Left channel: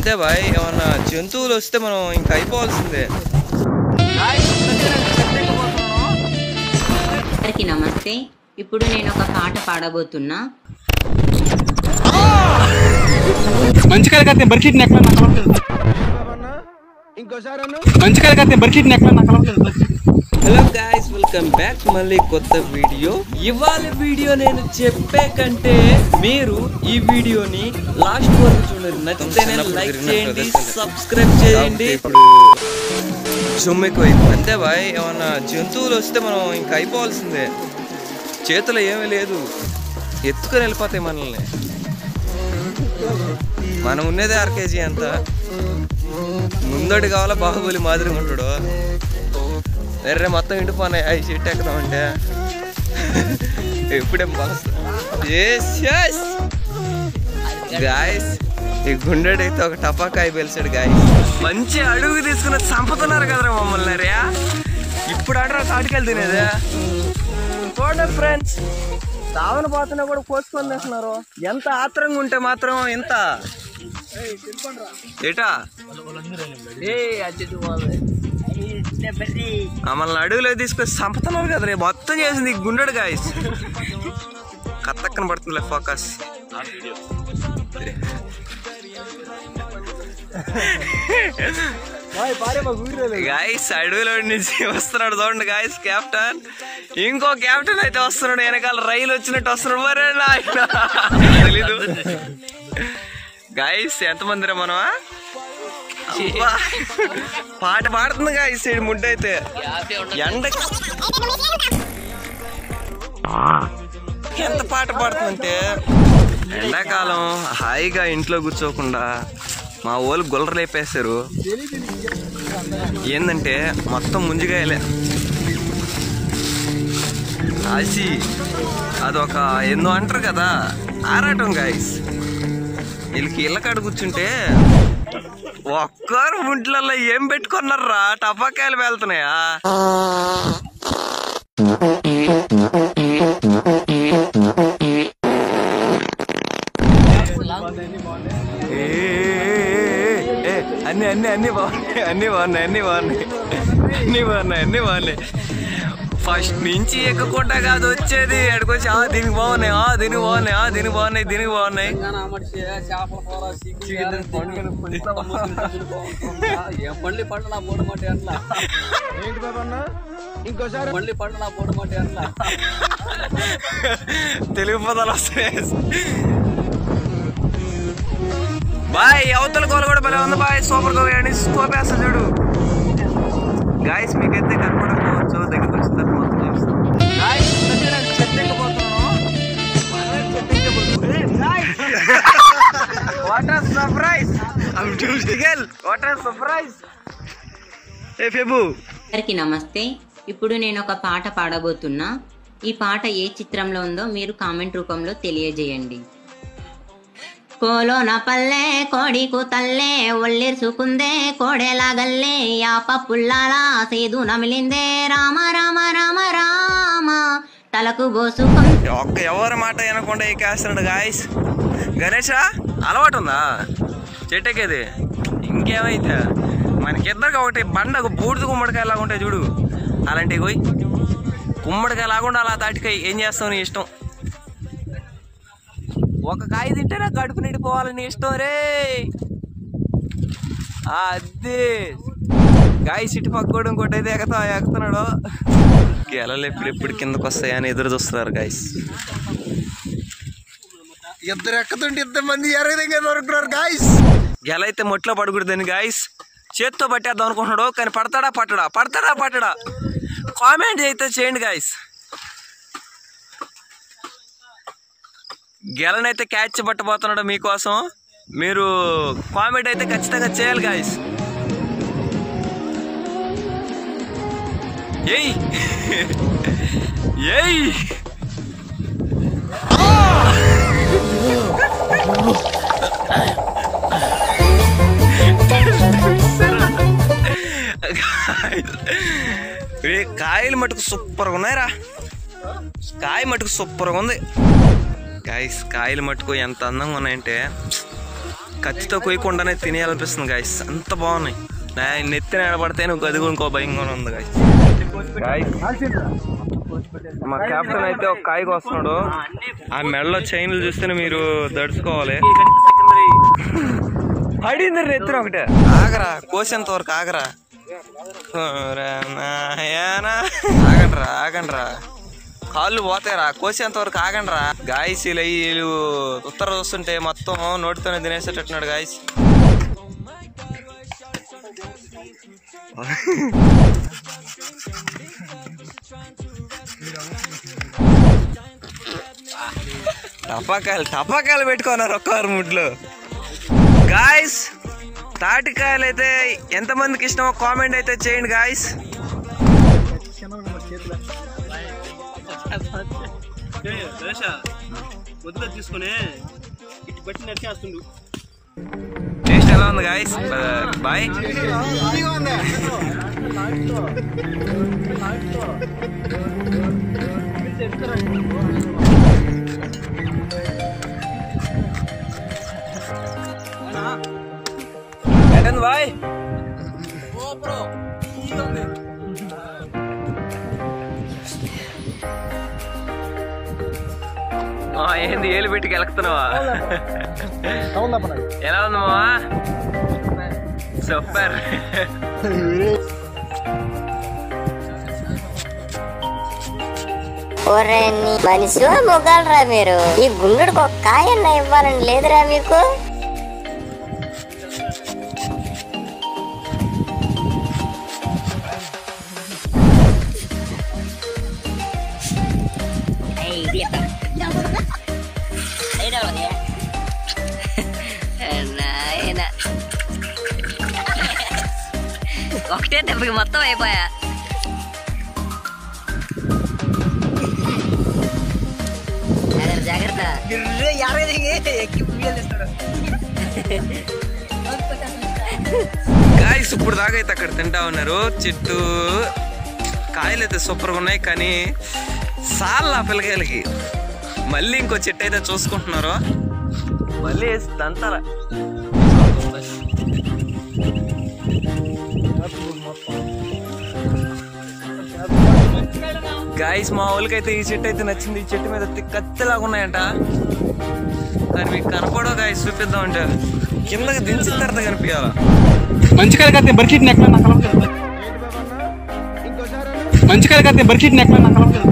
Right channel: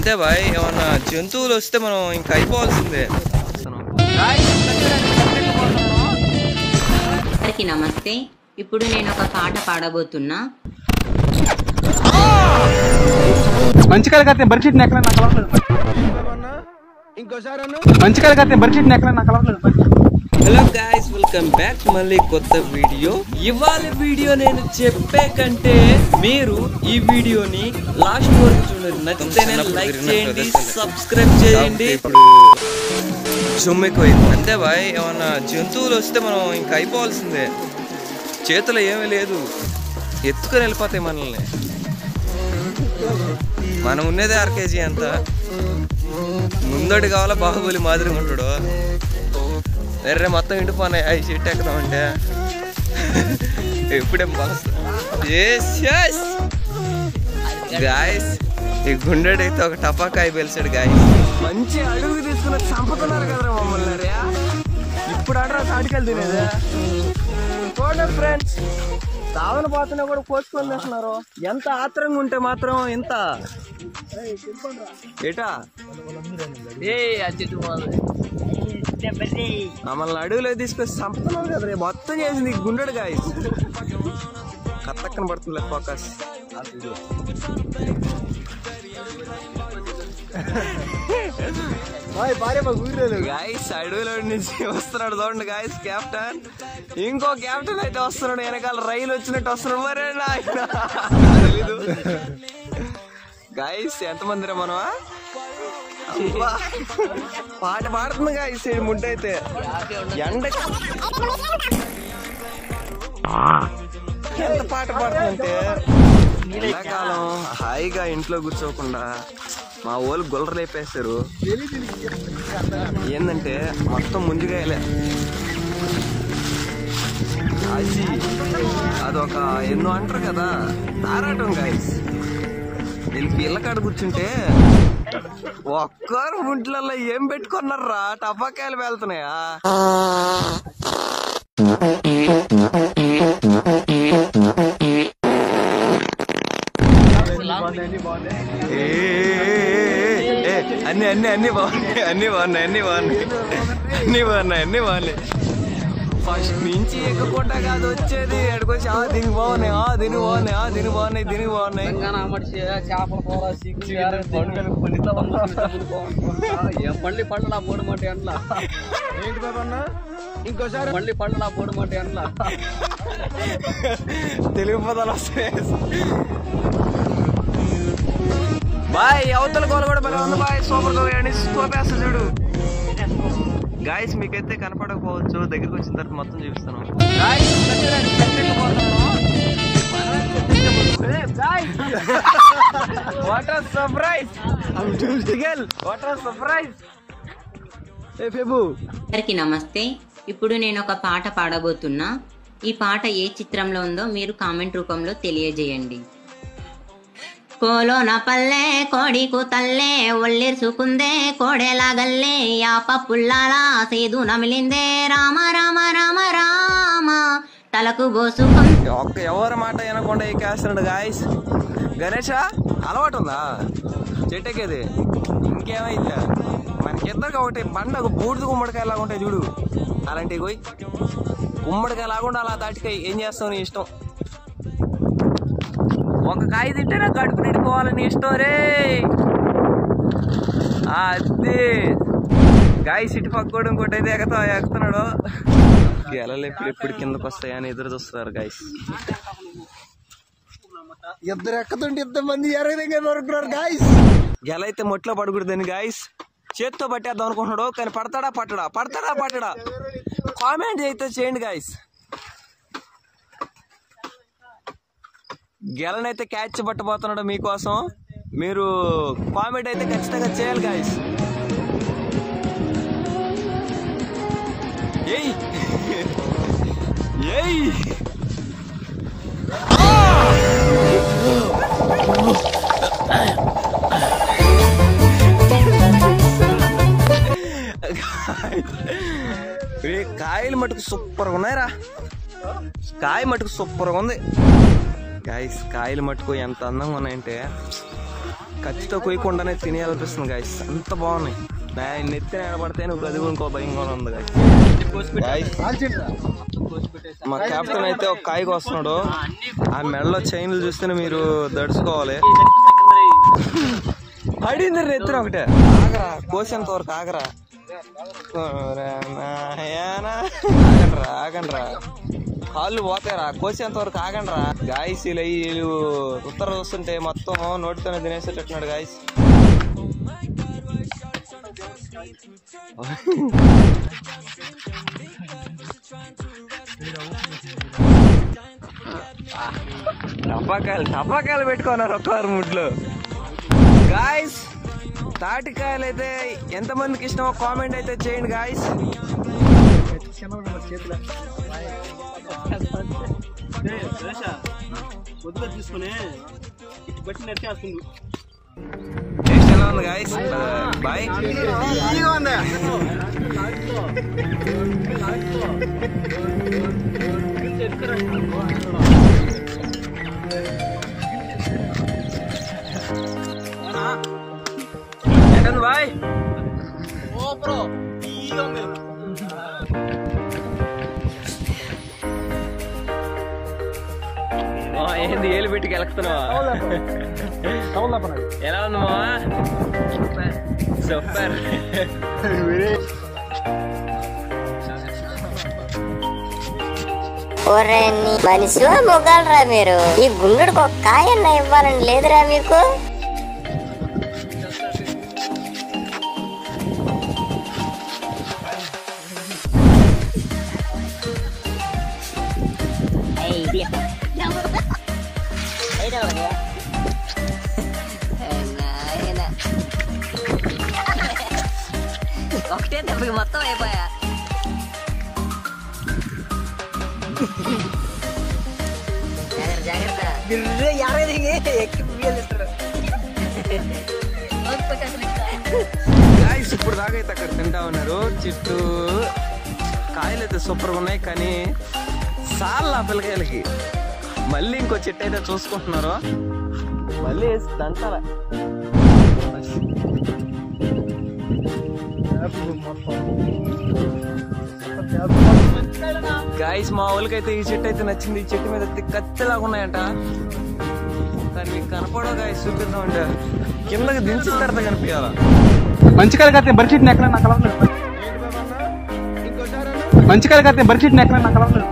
అంతే బాయ్, ఏమన్నా జంతువులు వస్తే మనం ఇంకా అయిపోవాల్సిందే. అందరికీ నమస్తే. ఇప్పుడు నేను ఒక పాట పాడబోతున్నా. మంచి కలకత్తే బర్షీట్ నెక్లెస్ నాకు అలవాట్లేదు. మంచి కలకత్తే బర్షీట్ నెక్లెస్ నాకు అలవాట్లేదు. హలో గాయ్స్, వెల్కమ్ బ్యాక్ మళ్ళీ కొత్త వీడియో. ఇవాళ వీడియో నేను చెప్పే కంటే మీరు ఈ వీడియోని లాస్ట్ వరకు చూడండి. నచ్చితే లైక్ చేయండి, సబ్స్క్రైబ్ చేయండి. ఇప్పుడు అంతే బాయ్, ఏమన్నా జంతువులు వస్తే మనం ఇంకా అయిపోవాల్సిందే. చేతిలో ఏమీ లేదు, ఎత్తుకొని వెళ్ళిపోతాయి మనల్ని. మనం ఉన్నదే 1/2 kg అంత. ముందోటి కావాలా బాహుబలి మాదిరిగా ఉంటాడు. వేరే మొత్తం ఇంటిపోయినాయి అవి చెట్టు ఎక్కుదామంటే ఎప్పుడేం గాయస్. ఈ గుండెడైతే ఒక టపాకాయ పెలిచాడు గాయస్. మంచి అడుగు తీసుకుని చంపుతున్నారు కదరా మమ్మల్ని. రే ఇప్పుడు ఆడరా కాటికెళ్ళి తినేదే ఫ్రెండ్స్. సావన పోతున్నా కూడా కోసుకొని తెస్తున్నారు. ఎంత ఆత్రంగా ఉంటే మాత్రం ఎంత ఏటా మమ్మల్ని అడుగులో తీసుకొని చంపుతున్నారు కదా రే. మొత్తం చేసింది గుండెడు గాయస్. కత్తక్కన పడుతుంది ఫోకస్. గాయస్ అడవిలో నుంచి వస్తున్నాడు చూడండి గాయస్ కెప్టెన్. ఇంకో కెప్టెన్ అయితే వస్తున్నాడు, వెనకాల రైలు వచ్చినట్టు వస్తున్నాడు. మరే నాయన తెలీదు గాయస్. ఎంతమందిరా మనమా? పాట పాడుతుంది గాయస్. ముడ్డ అయితే ఎండ ఎంత పాట పాడుతుందంటే, ఎండాకాలం హాయిగా ఇంట్లో కూర్చోకుండా మా వాళ్ళు గొల్లరు లేపేస్తారు. ఏంటంటే మొత్తం ముంజిగాయలే ఆసి. అదొక ఎన్నో అంటారు కదా, ఆరాటం గాయస్. వీళ్ళకి ఇళ్ళ కాడ కూర్చుంటే ఒక్కరు ముంట్లల్లో ఏం పెట్టుకున్నారా, టపాకాయలు వెళ్తున్నాయా? అన్ని అన్ని అన్ని బాగున్నాయి, అన్ని బాగున్నాయి, అన్ని బాగున్నాయి, అన్ని బాగున్నాయి, అన్ని బాగున్నాయి. ఫస్ట్ నుంచి ఎక్కకుండా కాదు వచ్చేది, ఎక్కడికొచ్చి దీనికి బాగున్నాయి, దీనికి బాగున్నాయి, దీనికి బాగున్నాయి, దీనికి బాగున్నాయి. మళ్ళీ పండు నా పోడు మాట అట్లా ఇంకోసారి మళ్ళీ పండు నా పోడు మాట అట్లా తెలుగు పదాలు వస్తాయి బాయ్. అవతల గోల కూడా భలే ఉంది బాయ్. సూపర్ గా తోపేస్తా చూడు గాయస్. మీకైతే కనపడకపోవచ్చు, దగ్గరికి వచ్చిన తర్వాత మొత్తం చూపిస్తాను. అందరికీ నమస్తే. ఇప్పుడు నేను ఒక పాట పాడబోతున్నా. ఈ పాట ఏ చిత్రంలో ఉందో మీరు కామెంట్ రూపంలో తెలియజేయండి. కోలోన పల్లె కోడి కూతల్లే ఒళ్ళిర్సుకుందే కోడెలాగల్లే యాప పుల్లాల సేదు నమిలిందే రామ రామ రామ రామ తలకు బోసుకొని. ఒక్క ఎవరి మాట వినకుండా ఎక్కేస్తున్నాడు గాయస్. గణేష అలవాటు ఉందా చెట్టెక్కేది? ఇంకేమైతే మనకిద్దరికి ఒకటి బండ బూడిద గుమ్మడికాయ లాగా ఉంటాయి చూడు, అలాంటివి పోయి గుమ్మడికాయ లాగుండా అలా తాటికాయ. ఏం చేస్తావు నీ ఇష్టం. ఒక కాయ తింటేనే గడుపు నిండిపోవాలని ఇష్టం రే. అదే గాయస్ ఇటు పక్కోడు ఇంకోటి అయితే ఎక్కుతున్నాడు. గెలలు ఎప్పుడెప్పుడు కిందకు వస్తాయని ఎదురు చూస్తున్నారు గాయస్. ఇద్దరు ఎక్కుతుంటే 2 మంది ఎరగదంగా దొరుకుతున్నారు గాయస్. గెల అయితే మొట్లో పడకూడదని గాయస్ చేత్తో పట్టేద్దాం అనుకుంటున్నాడు, కానీ పడతాడా పట్టడా, పడతాడా పట్టడా? కామెంట్ అయితే చేయండి గాయస్. గెలనైతే క్యాచ్ పట్టబోతున్నాడు మీకోసం. మీరు కామెంట్ అయితే ఖచ్చితంగా చేయాలి గాయస్. ఏయ్ ఏయ్ కాయలు మటుకు సూపర్గా ఉన్నాయిరా. కాయ మటుకు సూపర్గా ఉంది గాయస్. కాయలు మటుకు ఎంత అందంగా ఉన్నాయంటే కత్తితో కొయ్యకుండానే తినేయాలనిపిస్తుంది గాయస్, అంత బాగున్నాయి. నెత్తిన ఏడబడితే నువ్వు గదిగా ఇంకో భయంగా ఉంది గాయస్. మా కెప్టెన్ అయితే ఒక కాయకు వస్తున్నాడు. ఆ మెడలో చైన్లు చూస్తేనే మీరు దడుచుకోవాలి. పడింది నెత్తిన ఒకటే. ఆగరా, కోసేంత వరకు ఆగరా. ఆగండ్రా, కాళ్ళు పోతాయిరా, కోసేంత వరకు ఆగండ్రా. గాయస్ వీళ్ళు ఉత్తర చూస్తుంటే మొత్తం నోటితోనే తినేసేటట్టున్నాడు గాయస్. టపాకాయలు పెట్టుకున్నారు ఒక్కవారు ముడ్లు. గాయస్ తాటికాయలు అయితే ఎంతమందికి ఇష్టమో కామెంట్ అయితే చేయండి గాయస్. టేస్ట్ ఎలా ఉంది గాయస్? బాయ్. బాయ్. ఏంది ఏలు పెట్టి కెలుకుతున్నావా? ఎలా ఉంది మావా? సూపర్. మనిషి మొగాలరా మీరు? ఈ గుండెడికి ఒక కాయన్న ఇవ్వాలని లేదురా మీకు? ఒకటే దెబ్బకి మొత్తం అయిపోయా. గాయస్ ఇప్పుడు దాకా అయితే అక్కడ తింటా ఉన్నారు. చెట్టు కాయలు అయితే సూపర్గా ఉన్నాయి, కానీ సాల్ ఆ పిల్లకాయలకి. మళ్ళీ ఇంకో చెట్టు అయితే చూసుకుంటున్నారు. మళ్ళీ వేసి దంతాల. గాయస్ మా వాళ్ళకైతే ఈ చెట్టు అయితే నచ్చింది. ఈ చెట్టు మీద కత్తిలాగా ఉన్నాయంట, కానీ మీకు కనపడవు గాయస్. చూపిద్దాం అంటే కిందకి దించిన తర్వాత కనిపించాలా. మంచికాయలు కడితే బర్కిట్ నెక్కల నాకు అలవాట్లేదు. మంచికాయలు కడితే బర్కిట్ నెక్కల నాకు అలవాట్లేదు.